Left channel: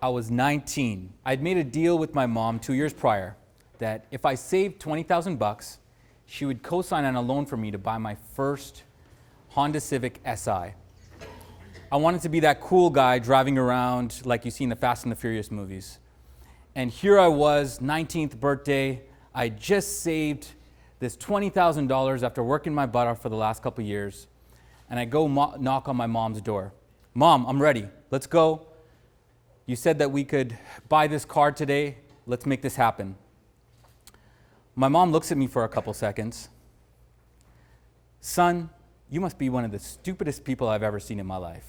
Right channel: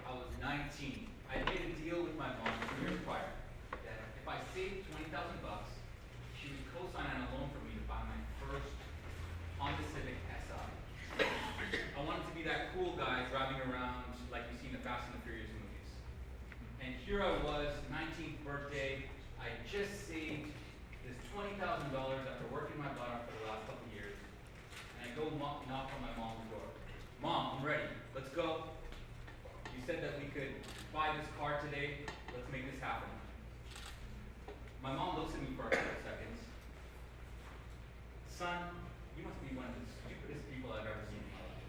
I was 19. I'd made a deal with my mom 2 years prior that if I saved 20,000 bucks, she would co-sign on a loan for me to buy my first Honda Civic Si. I wanted to be that cool guy driving around like you see in the Fast and the Furious movies. And here I was, 19th birthday. I just saved this $20,000 after working my butt off for the last couple years. And I go knock on my mom's door. Mom, I'm ready. Let's go. You said that we could buy this car today. Let's make this happen. My mom looks at me for a couple seconds. Son, you must be one of the stupidest people I've ever seen in my life.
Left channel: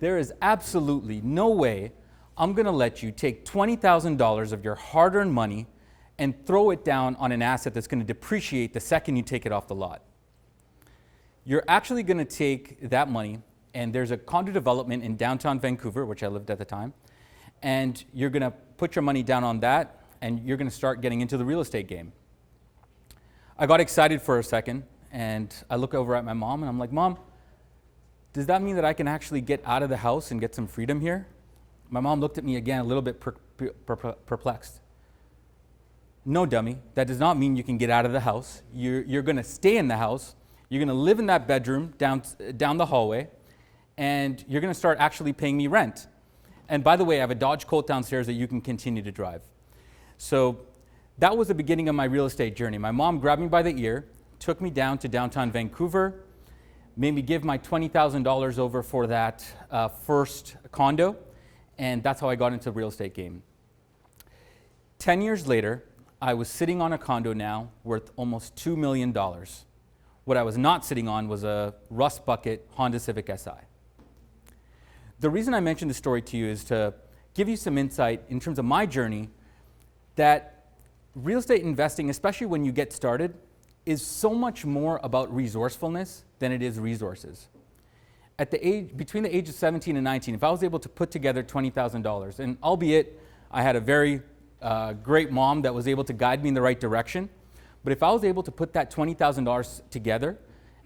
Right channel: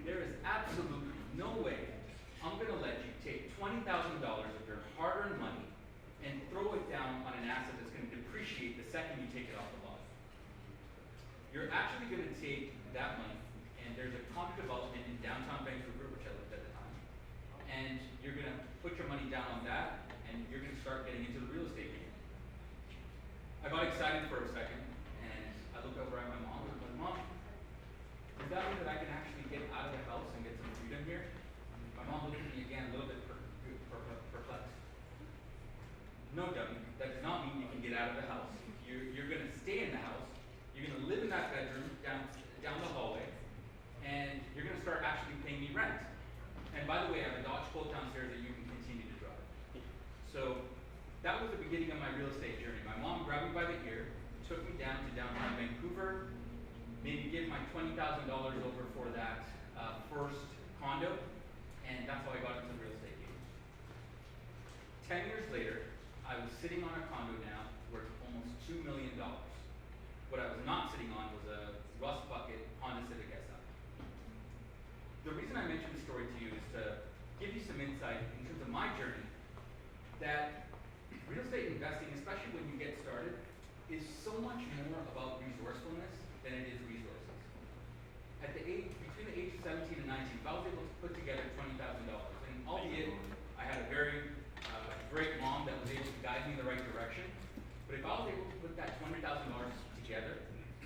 There is absolutely no way I'm gonna let you take $20,000 of your hard-earned money and throw it down on an asset that's gonna depreciate the second you take it off the lot. You're actually gonna take that money, and there's a condo development in downtown Vancouver, which I lived at the time, and you're gonna put your money down on that, and you're gonna start getting into the real estate game. I got excited for a second, and I look over at my mom, and I'm like, Mom, does that mean that I can actually get out of the house and get some freedom here? My mom looked at me again, a little bit perplexed. No, dummy, that does not mean you can get out of the house. You're gonna stay in the house, you're gonna live in that bedroom down the hallway, and you're gonna start actually paying me rent. And by the way, I have a Dodge Colt downstairs that you can continue to drive. So that was the beginning of my real estate journey. My mom grabbed me by the ear, took me down to downtown Vancouver, made me give my $20,000 over for that first condo, and that's how I got into the real estate game. 10 years later, I was sitting on a condo now worth almost $2 million. What I was not sitting on was a rust bucket Honda Civic Si. The reason I mentioned this story to you is to give you some insight in terms of my journey that real estate investing, especially when you get started, is so much more about resourcefulness than it is resources. Between the age of 17 and 19, if I was able to put together $20,000, and albeit I had a very great mom that was able to guide me in the right direction, but if I was able to put that $20,000 together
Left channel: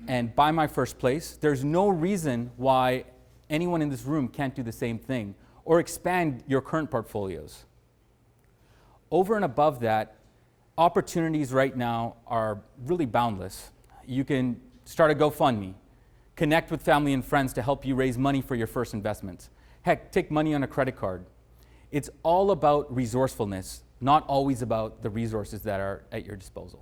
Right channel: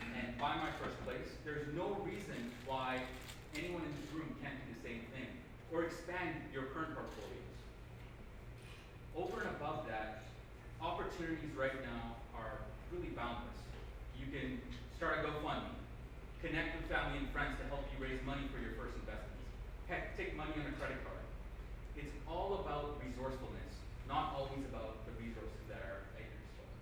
and buy my first place, there's no reason why anyone in this room can't do the same thing or expand your current portfolios. Over and above that, opportunities right now are really boundless. You can start a GoFundMe, connect with family and friends to help you raise money for your first investments. Heck, take money on a credit card. It's all about resourcefulness, not always about the resources that are at your disposal.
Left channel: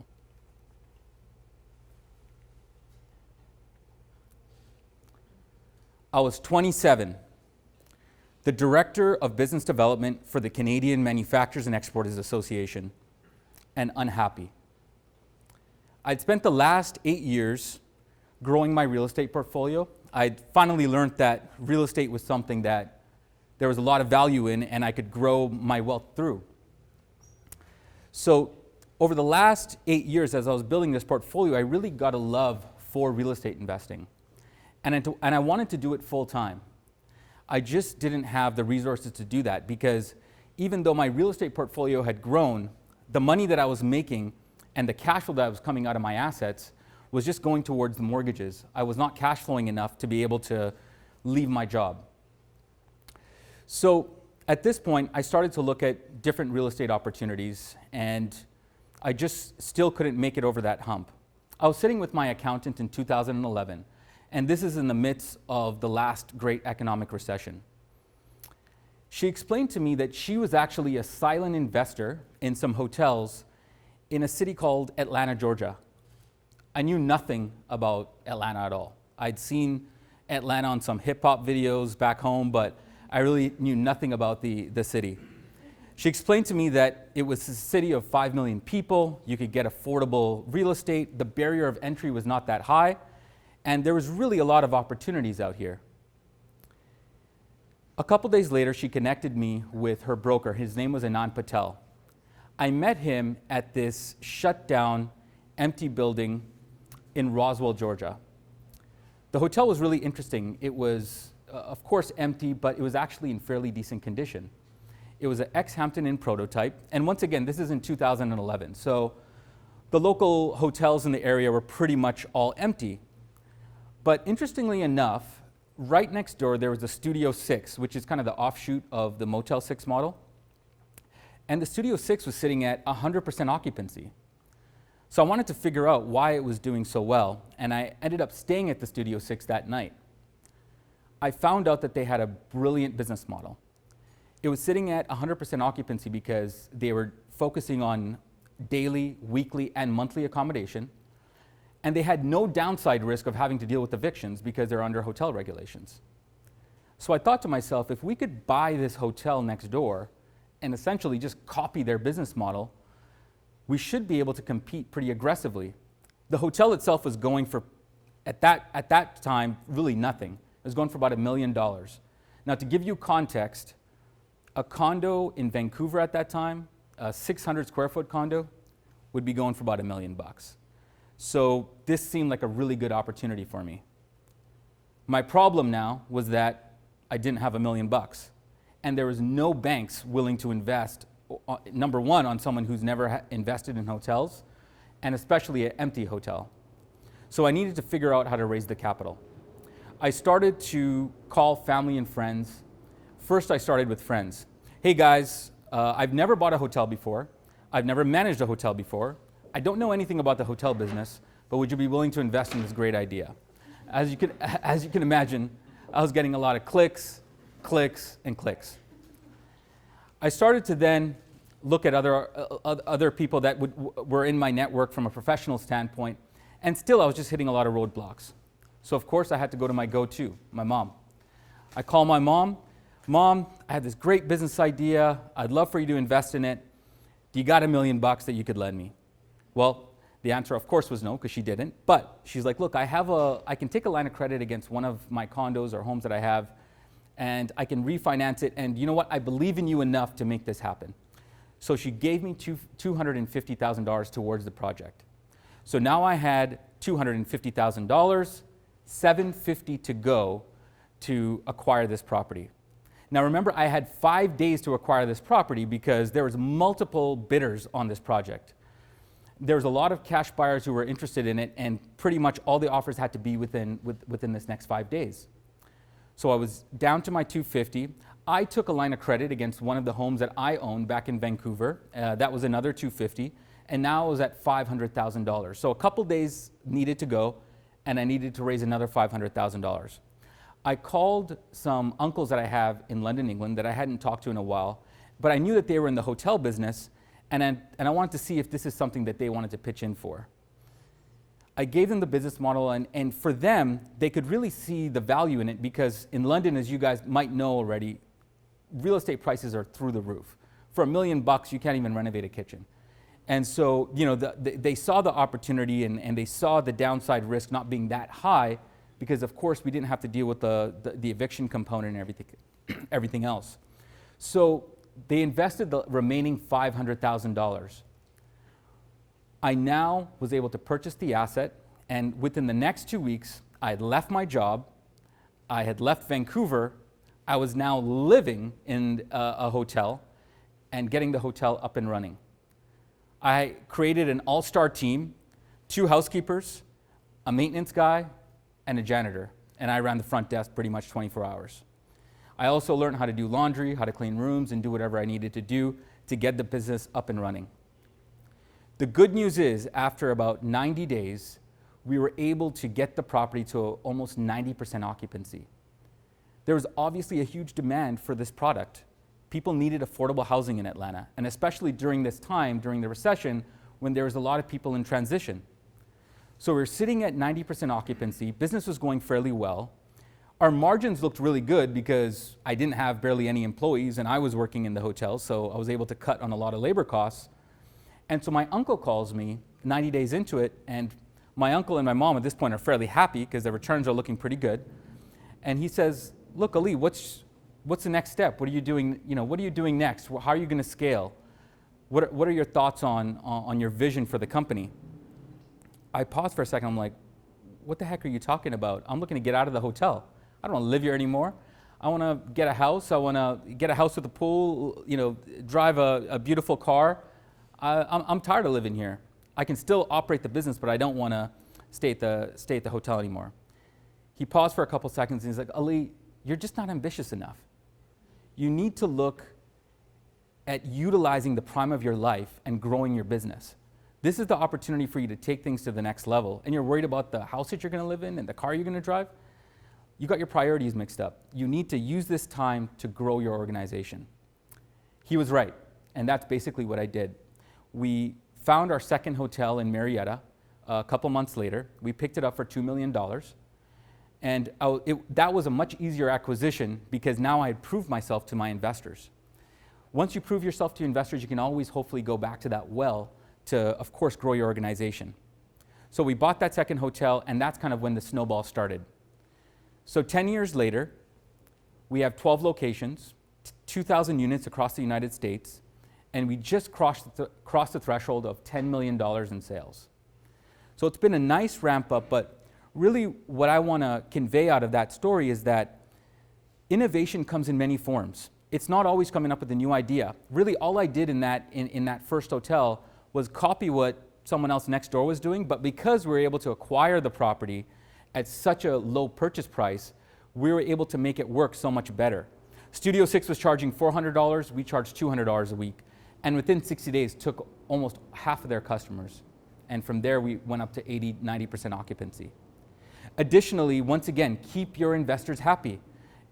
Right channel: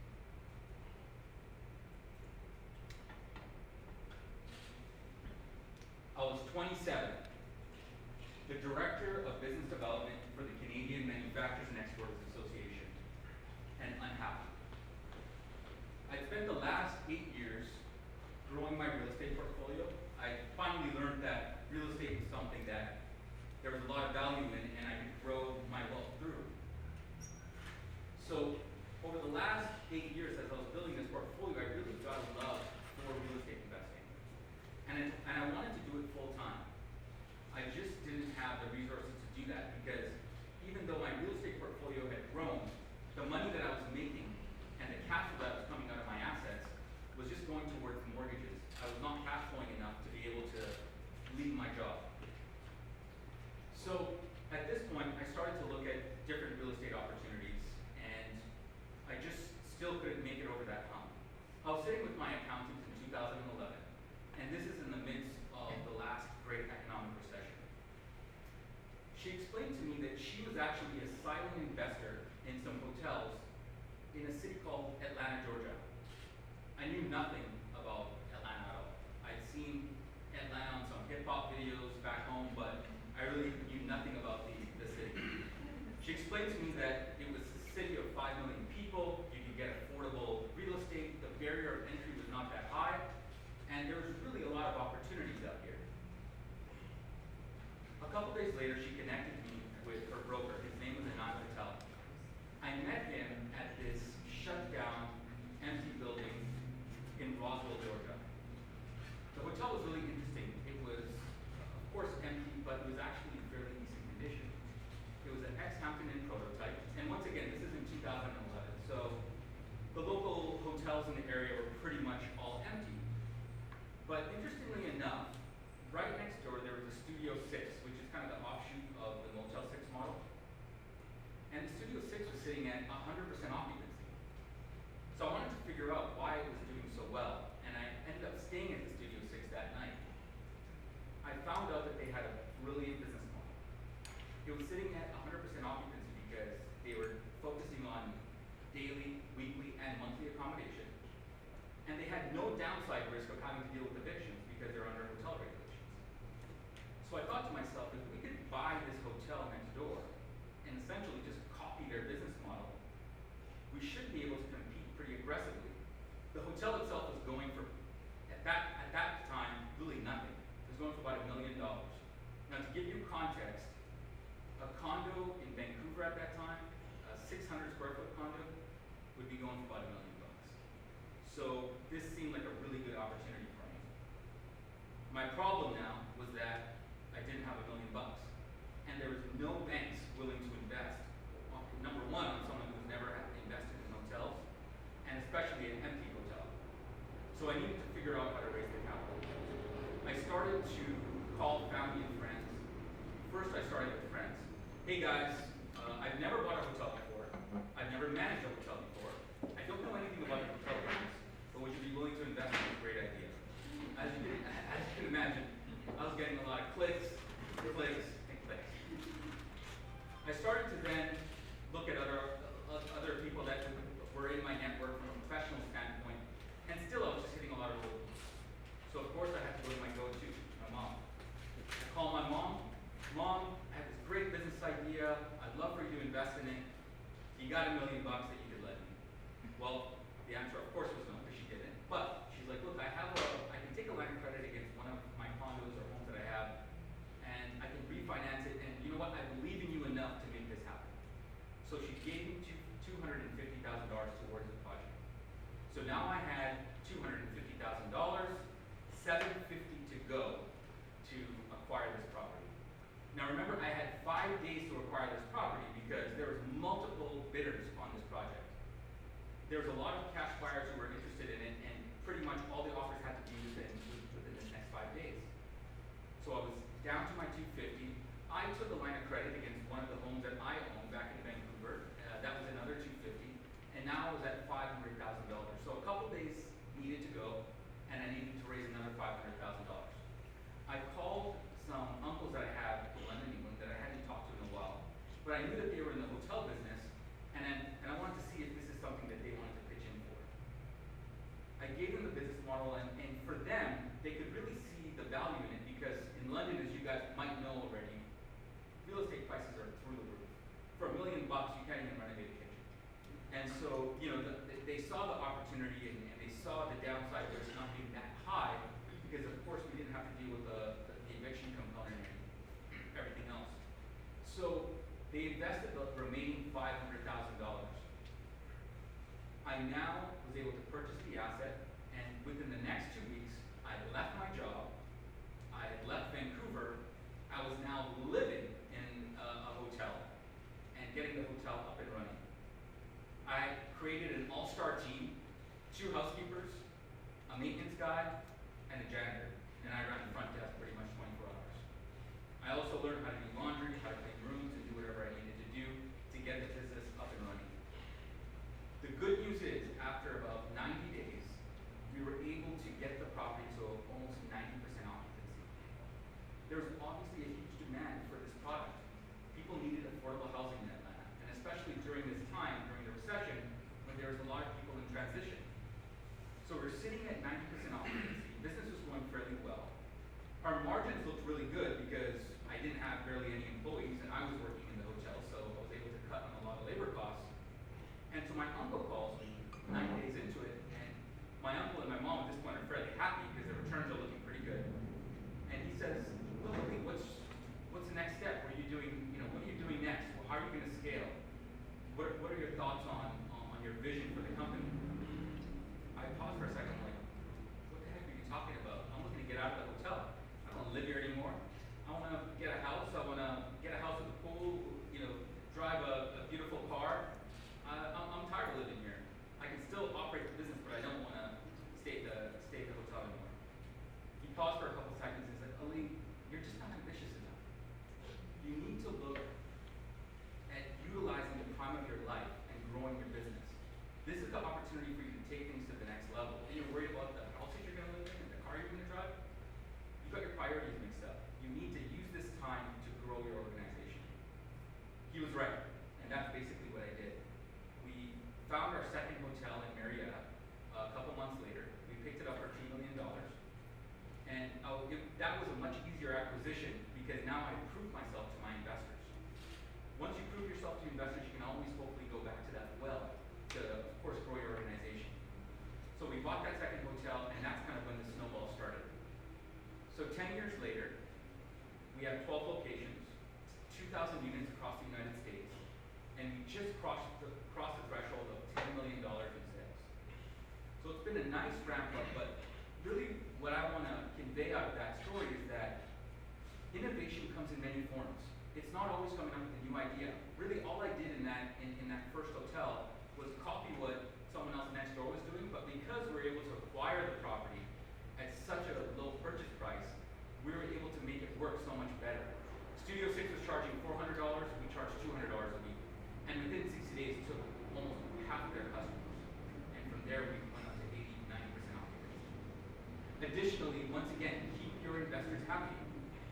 I was 27, the Director of Business Development for the Canadian Manufacturers and Exporters Association, and unhappy. I'd spent the last 8 years growing my real estate portfolio. I'd finally learned that real estate was something that there was a lot of value in and I could grow my wealth through. So over the last 8 years as I was building this portfolio, I really got a love for real estate investing. And I wanted to do it full time. I just didn't have the resources to do that because even though my real estate portfolio had grown, the money that I was making and the cash flow that was coming out of my assets was just going towards the mortgages. I was not cash flowing enough to be able to leave my job. So at this point, I started to look at different real estate opportunities, and I just still couldn't make it over that hump. I was sitting with my accountant in 2011, and this is in the midst of the last great economic recession. She explained to me that she was actually a silent investor in some hotels in a city called Atlanta, Georgia. I knew nothing about Atlanta at all. I'd seen Atlanta on some hip hop videos back home, but I really knew nothing about the city. She explained to me that it was a city of 5 million people, you could get affordable real estate, the barrier of entry was not that high, and there was really a lot of opportunities out here. A couple days later, she connected me with her broker. His name was Anand Patel. I met him at this shut down, empty building in Roswell, Georgia. The hotel was really interesting. It was, of course, empty, but it was actually in fairly decent condition. It was an ex-Hampton Inn prototype, and once again, this is in 2011, so the local hotels in the area were pretty much all empty. But interestingly enough, right next door there was the Studio 6, which is kind of the offshoot of the Motel 6 model. And the Studio 6 was sitting at 100% occupancy. So I wanted to figure out why it was doing so well, and I ended up staying at the Studio 6 that night. I found out that they had a brilliant business model. It was sitting at 100% occupancy because they were focusing on daily, weekly, and monthly accommodation, and they had no downside risk of having to deal with evictions because they're under hotel regulations. So I thought to myself, if we could buy this hotel next door and essentially just copy their business model, we should be able to compete pretty aggressively. The hotel itself was going for, at that time, really nothing. It was going for about $1 million. Now, to give you context, a condo in Vancouver at that time, a 600 square foot condo, would be going for about $1 million. So this seemed like a really good opportunity for me. My problem now was that I didn't have $1 million, and there was no banks willing to invest, number one, on someone who's never invested in hotels, and especially an empty hotel. So I needed to figure out how to raise the capital. I started to call family and friends. First, I started with friends. Hey guys, I've never bought a hotel before. I've never managed a hotel before. I don't know anything about the hotel business, but would you be willing to invest in this great idea? As you can imagine, I was getting a lot of clicks, and clicks. I started to then look at other people that were in my network from a professional standpoint, and still I was just hitting a lot of roadblocks. So of course I had to go to my go-to, my mom. I call my mom. Mom, I had this great business idea. I'd love for you to invest in it. Do you got $1 million that you could lend me? Well, the answer of course was no, because she didn't. But she's like, look, I can take a line of credit against one of my condos or homes that I have, and I can refinance it. And you know what? I believe in you enough to make this happen. So she gave me $250,000 towards the project. So now I had $250,000, $750 to go to acquire this property. Now remember, I had 5 days to acquire this property because there was multiple bidders on this project. There was a lot of cash buyers who were interested in it, and pretty much all the offers had to be within this next 5 days. So I was down to my $250. I took a line of credit against one of the homes that I owned back in Vancouver. That was another $250, and now I was at $500,000. So a couple days needed to go, and I needed to raise another $500,000. I called some uncles that I have in London, England, that I hadn't talked to in a while, but I knew that they were in the hotel business, and I wanted to see if this is something that they wanted to pitch in for. I gave them the business model, and for them, they could really see the value in it because in London, as you guys might know already, real estate prices are through the roof. For $1 million, you can't even renovate a kitchen. And so, you know, they saw the opportunity and they saw the downside risk not being that high because, of course, we didn't have to deal with the eviction component and everything else. So they invested the remaining $500,000. I now was able to purchase the asset, and within the next 2 weeks, I had left my job, I had left Vancouver, I was now living in a hotel and getting the hotel up and running. I created an all-star team, 2 housekeepers, a maintenance guy, and a janitor, and I ran the front desk pretty much 24 hours. I also learned how to do laundry, how to clean rooms, and do whatever I needed to do to get the business up and running. The good news is, after about 90 days, we were able to get the property to almost 90% occupancy. There was obviously a huge demand for this product. People needed affordable housing in Atlanta, and especially during this time, during the recession, when there was a lot of people in transition. So we were sitting at 90% occupancy, business was going fairly well. Our margins looked really good because I didn't have barely any employees and I was working in the hotel, so I was able to cut on a lot of labor costs. And so my uncle calls me 90 days into it, and my uncle and my mom at this point are fairly happy because their returns are looking pretty good. And he says, look, Ali, what's the next step? What are you doing, what are you doing next? How are you going to scale? What are your thoughts on your vision for the company? I paused for a second. I'm like, what the heck are you talking about? I'm looking to get out of the hotel. I don't want to live here anymore. I want to get a house. I want to get a house with a pool, drive a beautiful car. I'm tired of living here. I can still operate the business, but I don't want to stay at the hotel anymore. He paused for a couple seconds and he's like, Ali, you're just not ambitious enough. You need to look at utilizing the prime of your life and growing your business. This is the opportunity for you to take things to the next level. And you're worried about the house that you're going to live in and the car you're going to drive. You got your priorities mixed up. You need to use this time to grow your organization. He was right. And that's basically what I did. We found our second hotel in Marietta a couple months later. We picked it up for $2 million. And that was a much easier acquisition because now I had proved myself to my investors. Once you prove yourself to investors, you can always hopefully go back to that well to, of course, grow your organization. So we bought that second hotel, and that's kind of when the snowball started. So 10 years later, we have 12 locations, 2,000 units across the United States, and we just crossed the threshold of $10 million in sales. So it's been a nice ramp up, but really what I want to convey out of that story is that innovation comes in many forms. It's not always coming up with a new idea. Really, all I did in that first hotel was copy what someone else next door was doing, but because we were able to acquire the property at such a low purchase price, we were able to make it work so much better. Studio 6 was charging $400, we charged $200 a week, and within 60 days took almost half of their customers. And from there, we went up to 80, 90% occupancy. Additionally, once again, keep your investors happy.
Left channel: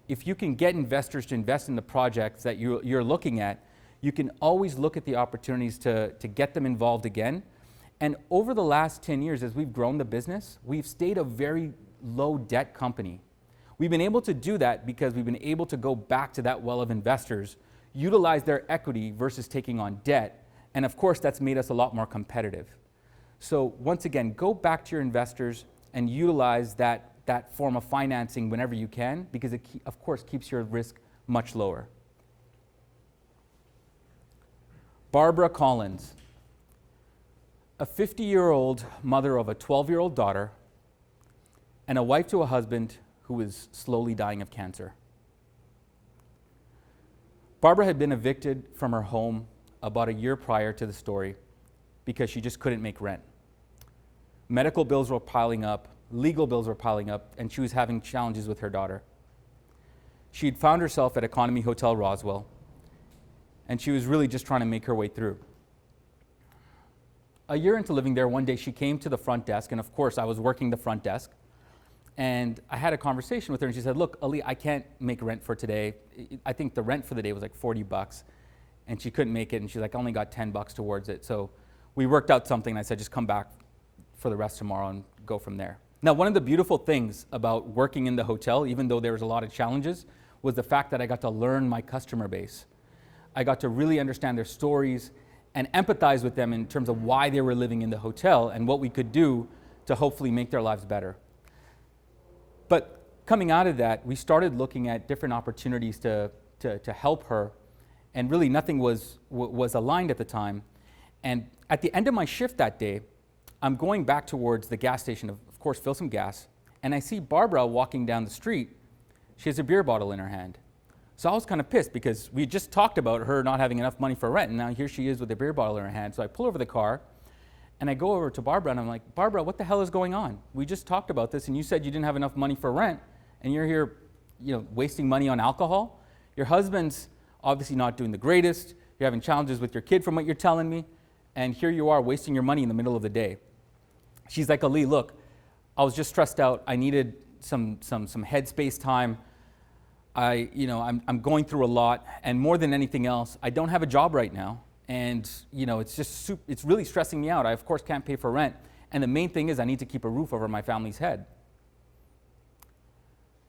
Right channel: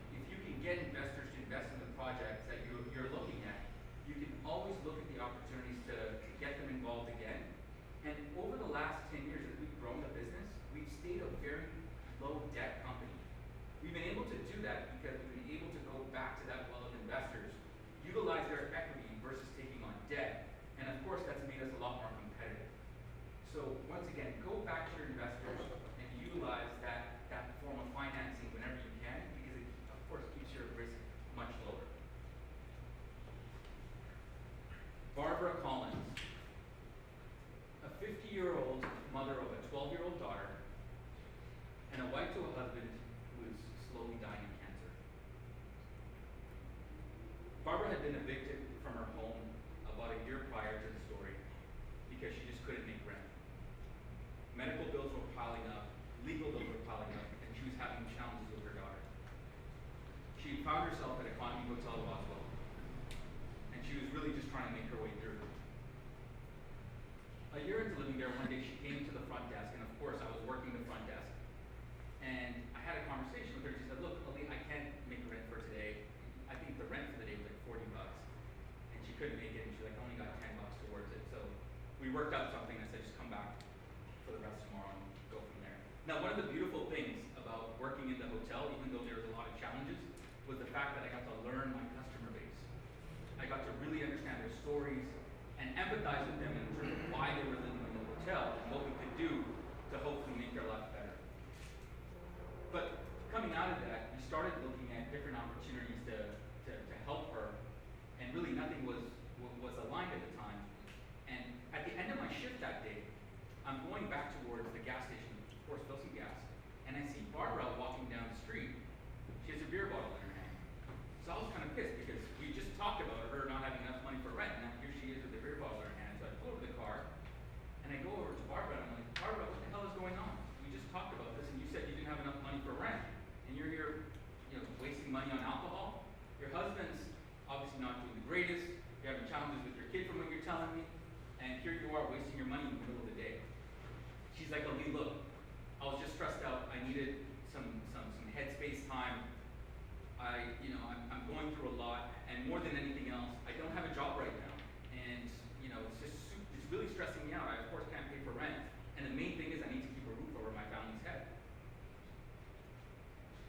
If you can get investors to invest in the projects that you're looking at, you can always look at the opportunities to get them involved again. And over the last 10 years, as we've grown the business, we've stayed a very low debt company. We've been able to do that because we've been able to go back to that well of investors, utilize their equity versus taking on debt. And of course, that's made us a lot more competitive. So once again, go back to your investors and utilize that form of financing whenever you can, because it, of course, keeps your risk much lower. Barbara Collins, a 50-year-old mother of a 12-year-old daughter and a wife to a husband who is slowly dying of cancer. Barbara had been evicted from her home about a year prior to the story because she just couldn't make rent. Medical bills were piling up, legal bills were piling up, and she was having challenges with her daughter. She had found herself at Economy Hotel Roswell, and she was really just trying to make her way through. A year into living there, one day she came to the front desk, and of course I was working the front desk, and I had a conversation with her, and she said, look, Ali, I can't make rent for today. I think the rent for the day was like $40, and she couldn't make it, and she's like, I only got $10 towards it. So we worked out something, and I said, just come back for the rest tomorrow and go from there. Now, one of the beautiful things about working in the hotel, even though there was a lot of challenges, was the fact that I got to learn my customer base. I got to really understand their stories and empathize with them in terms of why they were living in the hotel and what we could do to hopefully make their lives better. But coming out of that, we started looking at different opportunities to help her, and really nothing was aligned at the time. And at the end of my shift that day, I'm going back towards the gas station, of course, fill some gas, and I see Barbara walking down the street. She has a beer bottle in her hand. So I was kind of pissed because we just talked about her not having enough money for rent, and now here she is with a beer bottle in her hand. So I pull over the car, and I go over to Barbara, and I'm like, Barbara, what the hell is going on? We just talked about this, and you said you didn't have enough money for rent, and you're here, wasting money on alcohol. Your husband's obviously not doing the greatest. You're having challenges with your kid from what you're telling me, and here you are wasting your money in the middle of the day. She's like, Ali, look, I was just stressed out. I needed some headspace time. I'm going through a lot, and more than anything else, I don't have a job right now, and it's really stressing me out. I of course can't pay for rent, and the main thing is I need to keep a roof over my family's head.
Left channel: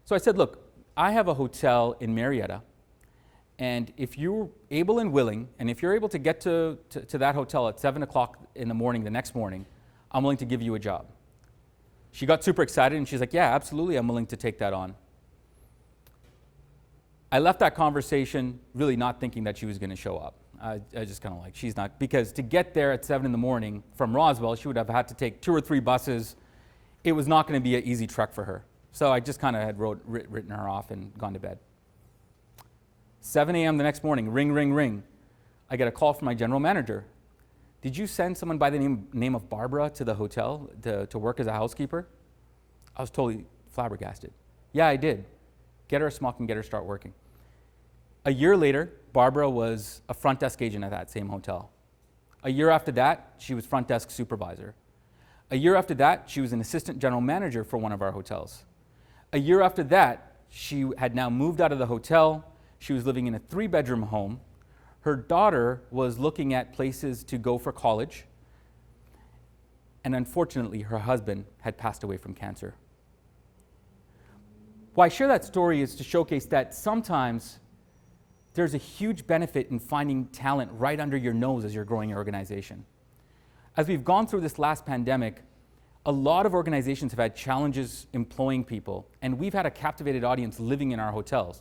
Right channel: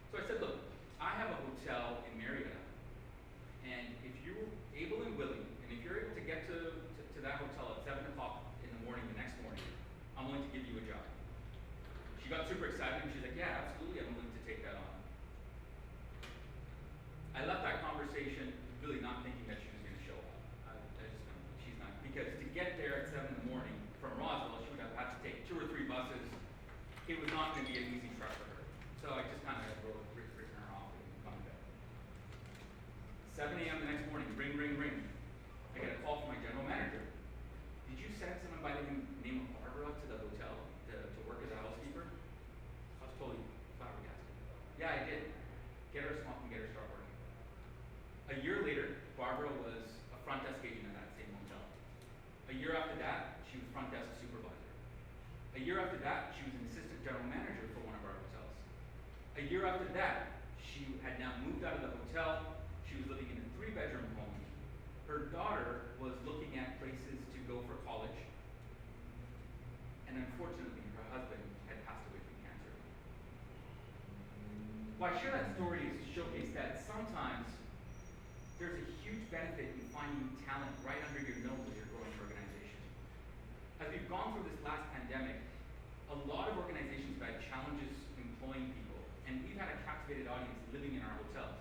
So I said, look, I have a hotel in Marietta, and if you're able and willing, and if you're able to get to that hotel at 7 o'clock in the morning the next morning, I'm willing to give you a job. She got super excited, and she's like, yeah, absolutely, I'm willing to take that on. I left that conversation really not thinking that she was going to show up. I just kind of like, she's not, because to get there at 7 in the morning from Roswell, she would have had to take 2 or 3 buses. It was not going to be an easy trek for her. So I just kind of had written her off and gone to bed. 7 a.m. the next morning, ring, ring, ring. I get a call from my general manager. Did you send someone by the name of Barbara to the hotel to work as a housekeeper? I was totally Flabbergasted. Yeah, I did. Get her a smock and get her start working. A year later, Barbara was a front desk agent at that same hotel. A year after that, she was front desk supervisor. A year after that, she was an assistant general manager for one of our hotels. A year after that, she had now moved out of the hotel. She was living in a 3-bedroom home. Her daughter was looking at places to go for college. And unfortunately, her husband had passed away from cancer. Why I share that story is to showcase that sometimes there's a huge benefit in finding talent right under your nose as you're growing your organization. As we've gone through this last pandemic, a lot of organizations have had challenges employing people, and we've had a captivated audience living in our hotels.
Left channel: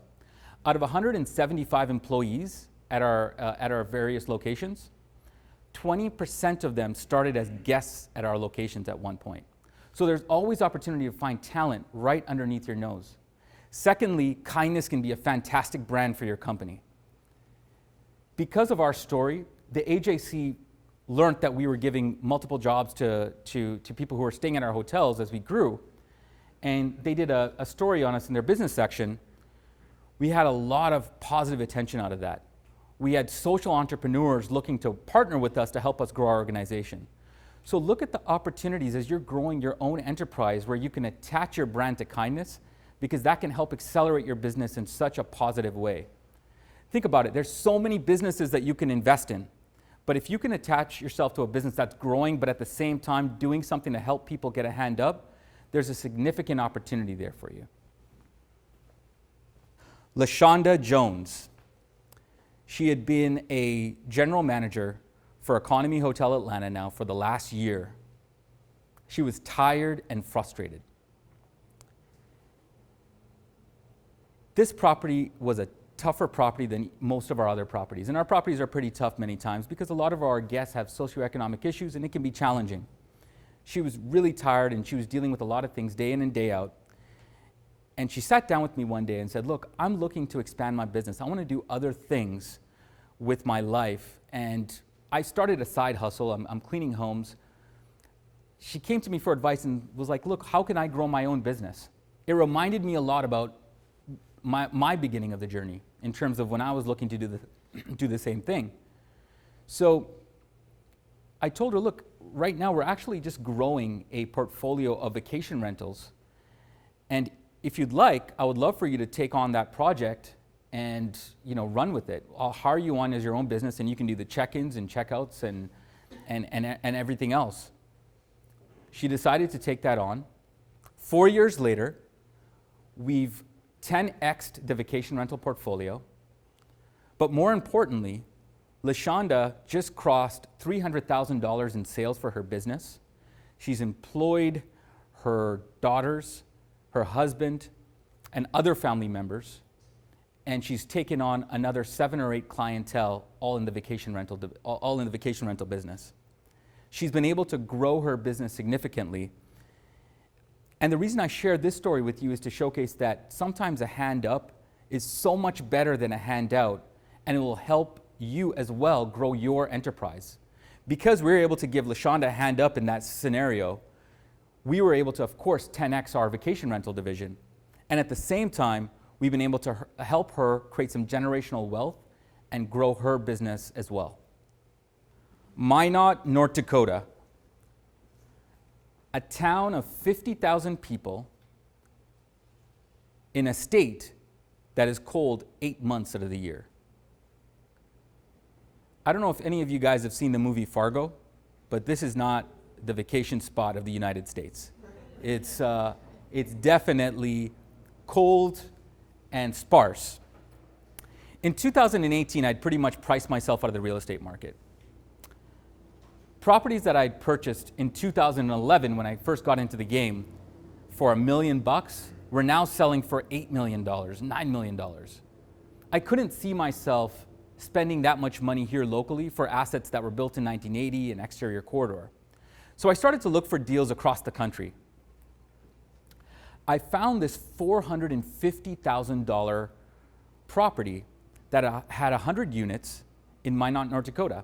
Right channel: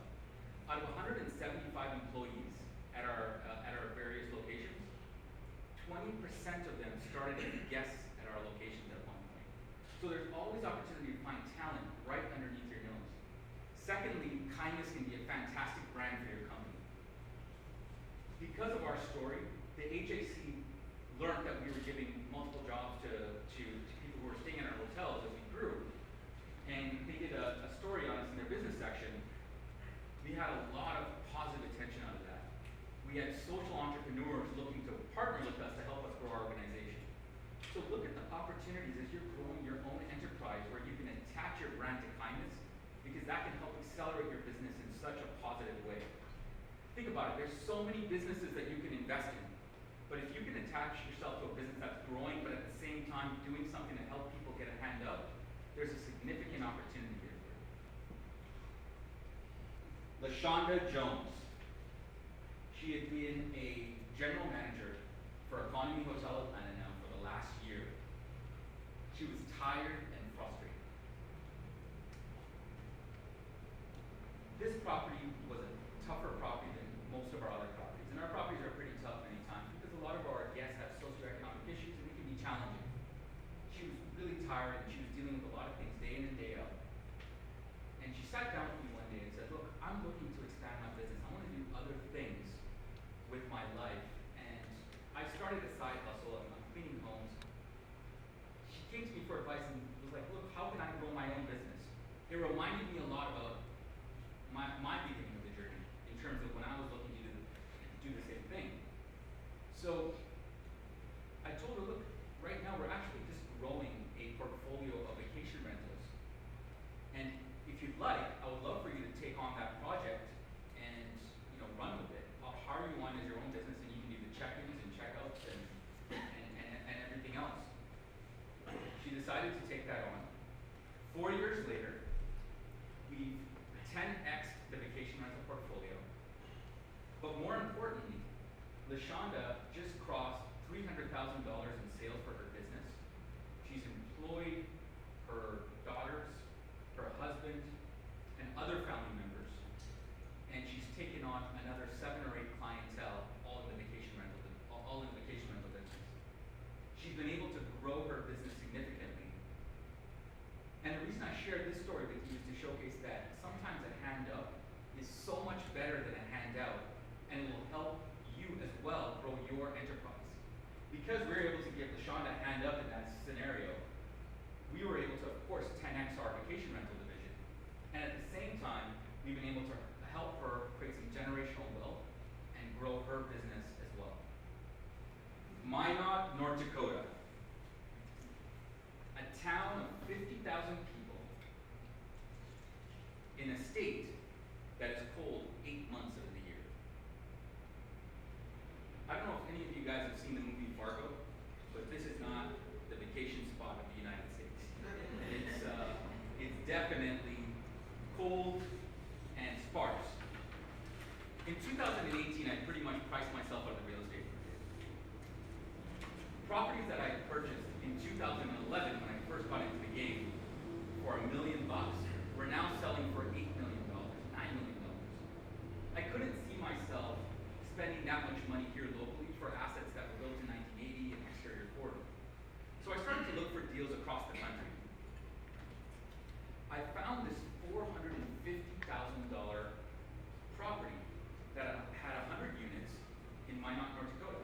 Out of 175 employees at our various locations, 20% of them started as guests at our locations at one point. So there's always opportunity to find talent right underneath your nose. Secondly, kindness can be a fantastic brand for your company. Because of our story, the AJC learned that we were giving multiple jobs to people who were staying at our hotels as we grew. And they did a story on us in their business section. We had a lot of positive attention out of that. We had social entrepreneurs looking to partner with us to help us grow our organization. So look at the opportunities as you're growing your own enterprise where you can attach your brand to kindness, because that can help accelerate your business in such a positive way. Think about it. There's so many businesses that you can invest in. But if you can attach yourself to a business that's growing, but at the same time doing something to help people get a hand up, there's a significant opportunity there for you. LaShonda Jones. She had been a general manager for Economy Hotel Atlanta now for the last year. She was tired and frustrated. This property was a tougher property than most of our other properties. And our properties are pretty tough many times because a lot of our guests have socioeconomic issues and it can be challenging. She was really tired and she was dealing with a lot of things day in and day out. And she sat down with me one day and said, look, I'm looking to expand my business. I want to do other things with my life. And I started a side hustle. I'm cleaning homes. She came to me for advice and was like, look, how can I grow my own business? It reminded me a lot about my beginning of the journey in terms of when I was looking to do the same thing. So I told her, look, right now we're actually just growing a portfolio of vacation rentals. And if you'd like, I would love for you to take on that project and run with it. I'll hire you on as your own business and you can do the check-ins and check-outs and everything else. She decided to take that on. 4 years later, we've 10x'd the vacation rental portfolio. But more importantly, LaShonda just crossed $300,000 in sales for her business. She's employed her daughters, her husband, and other family members, and she's taken on another 7 or 8 clientele, all in the vacation rental business. She's been able to grow her business significantly. And the reason I share this story with you is to showcase that sometimes a hand up is so much better than a hand out, and it will help you as well grow your enterprise. Because we were able to give LaShonda a hand up in that scenario, we were able to, of course, 10x our vacation rental division. And at the same time, we've been able to help her create some generational wealth and grow her business as well. Minot, North Dakota. A town of 50,000 people in a state that is cold 8 months out of the year. I don't know if any of you guys have seen the movie Fargo, but this is not the vacation spot of the United States. It's definitely cold and sparse. In 2018, I'd pretty much priced myself out of the real estate market. Properties that I'd purchased in 2011 when I first got into the game for $1 million were now selling for $8 million, $9 million. I couldn't see myself spending that much money here locally for assets that were built in 1980 and exterior corridor. So I started to look for deals across the country. I found this $450,000 property that had 100 units in Minot, North Dakota.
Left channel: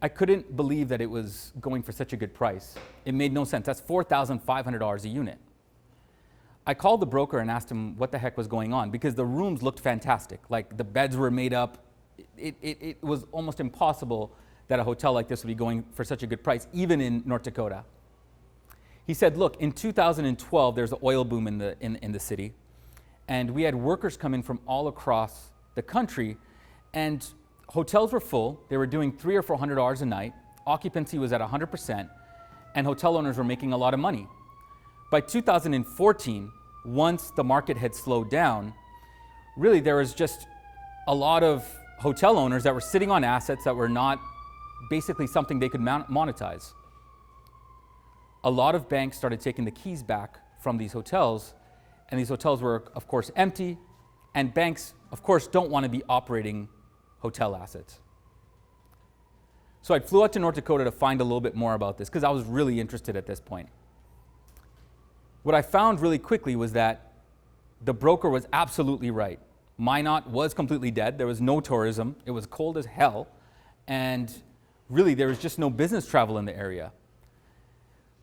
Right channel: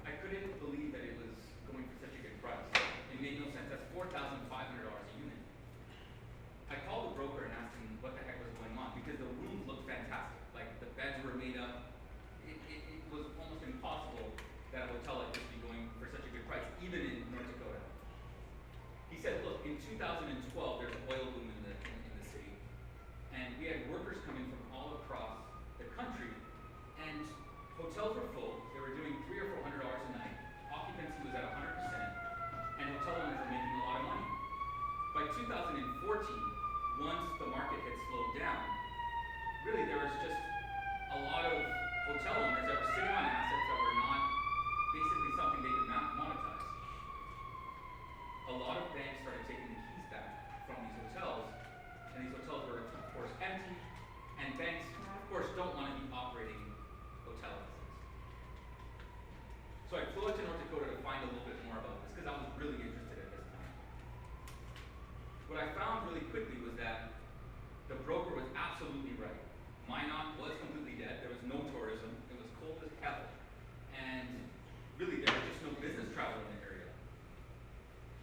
I couldn't believe that it was going for such a good price. It made no sense. That's $4,500 a unit. I called the broker and asked him what the heck was going on because the rooms looked fantastic. Like the beds were made up. It was almost impossible that a hotel like this would be going for such a good price, even in North Dakota. He said, look, in 2012, there's an oil boom in the city, and we had workers come in from all across the country, and hotels were full. They were doing $300 or $400 a night. Occupancy was at 100%, and hotel owners were making a lot of money. By 2014, once the market had slowed down, really there was just a lot of hotel owners that were sitting on assets that were not basically something they could monetize. A lot of banks started taking the keys back from these hotels, and these hotels were, of course, empty, and banks, of course, don't want to be operating hotel assets. So I flew out to North Dakota to find a little bit more about this because I was really interested at this point. What I found really quickly was that the broker was absolutely right. Minot was completely dead. There was no tourism. It was cold as hell. And really, there was just no business travel in the area.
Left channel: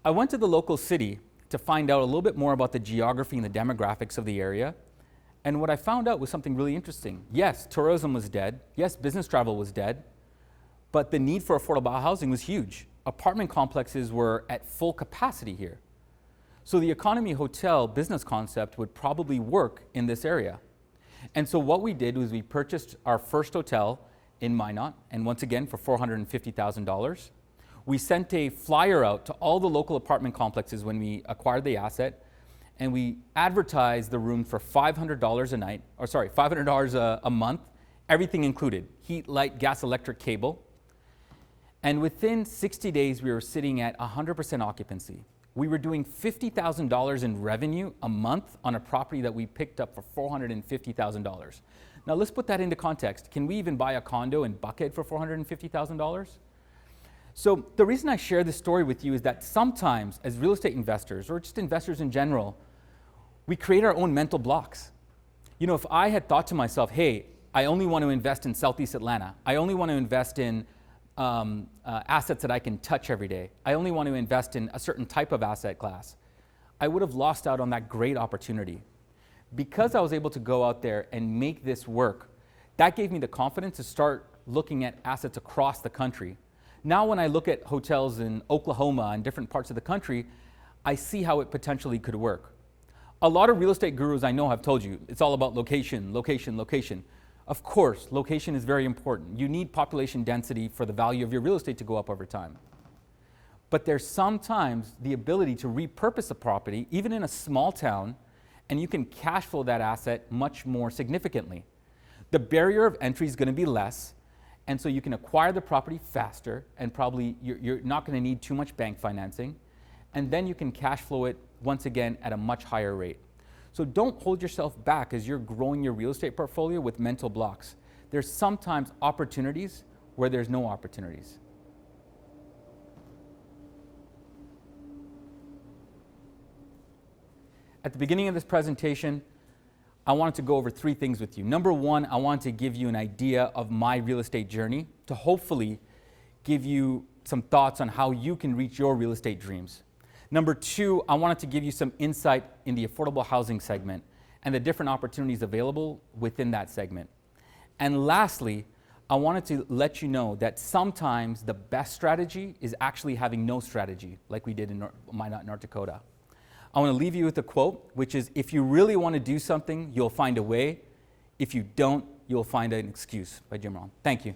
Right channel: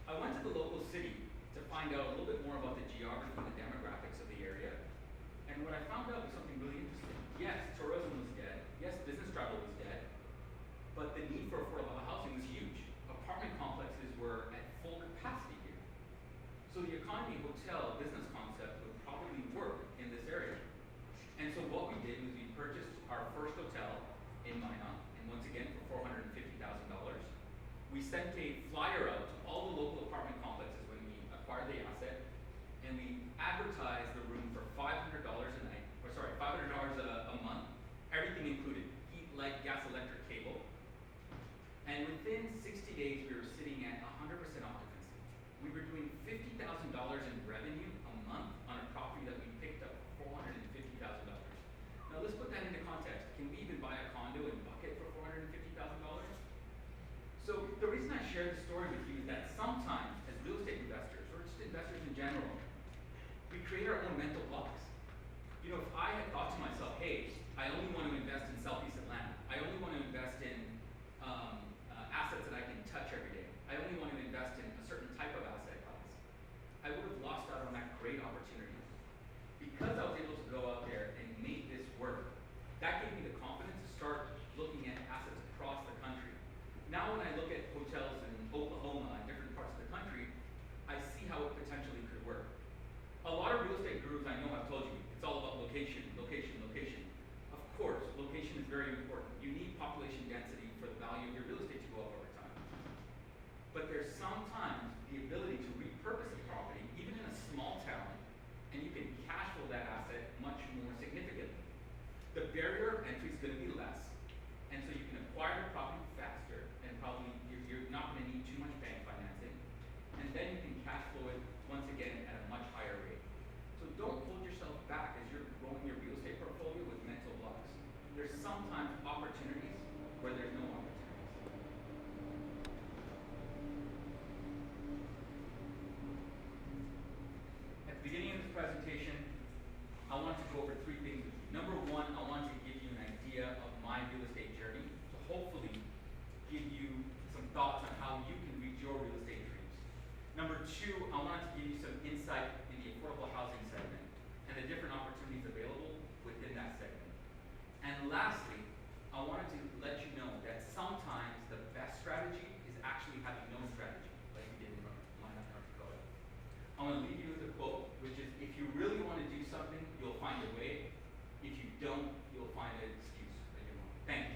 I went to the local city to find out a little bit more about the geography and the demographics of the area. And what I found out was something really interesting. Yes, tourism was dead. Yes, business travel was dead. But the need for affordable housing was huge. Apartment complexes were at full capacity here. So the economy hotel business concept would probably work in this area. And so what we did was we purchased our first hotel in Minot, and once again for $450,000. We sent a flyer out to all the local apartment complexes when we acquired the asset, and we advertised the room for $500 a night, or sorry, $500 a month, everything included, heat, light, gas, electric, cable. And within 60 days, we were sitting at 100% occupancy. We were doing $50,000 in revenue a month on a property that we picked up for $450,000. Now let's put that into context. Can we even buy a condo in Buckhead for $450,000? So the reason I share this story with you is that sometimes as real estate investors, or just investors in general, we create our own mental blocks. You know, if I had thought to myself, hey, I only want to invest in Southeast Atlanta. I only want to invest in assets that I can touch every day. I only want to invest in a certain type of asset class. I would have lost out on that great opportunity. Because I was able to go out there and make this work, that gave me the confidence to start looking at assets across the country. Now when I look at hotels in Oklahoma and different parts of the country, I see how it potentially could work. A lot of real estate gurus I know have told you, it's all about location, location, location. Of course, location is very important. You need population density for the value of your real estate to go up over time. But there's sometimes the ability to repurpose a property, even in a small town, and you can cash flow that asset much more significantly. The barrier of entry is going to be less, and so you can acquire the property faster, and probably you're not going to need too much bank financing, and then you can cash flow it once again at a much higher rate. So don't hold yourself back as you're growing your real estate portfolio with mental blocks. There's sometimes opportunities where there's no opportunities. At the beginning of this presentation, I wanted to go over three things with you. Number one, I wanted to give you an idea of my real estate journey to hopefully give you some thoughts on how you can reach your real estate dreams. Number two, I wanted to give you some insight in the affordable housing segment and the different opportunities available within that segment. And lastly, I wanted to let you know that sometimes the best strategy is actually having no strategy, like we did in Minot, North Dakota. I want to leave you with a quote, which is, if you really want to do something, you'll find a way. If you don't, you'll find an excuse, by Jim Rohn. Thank you.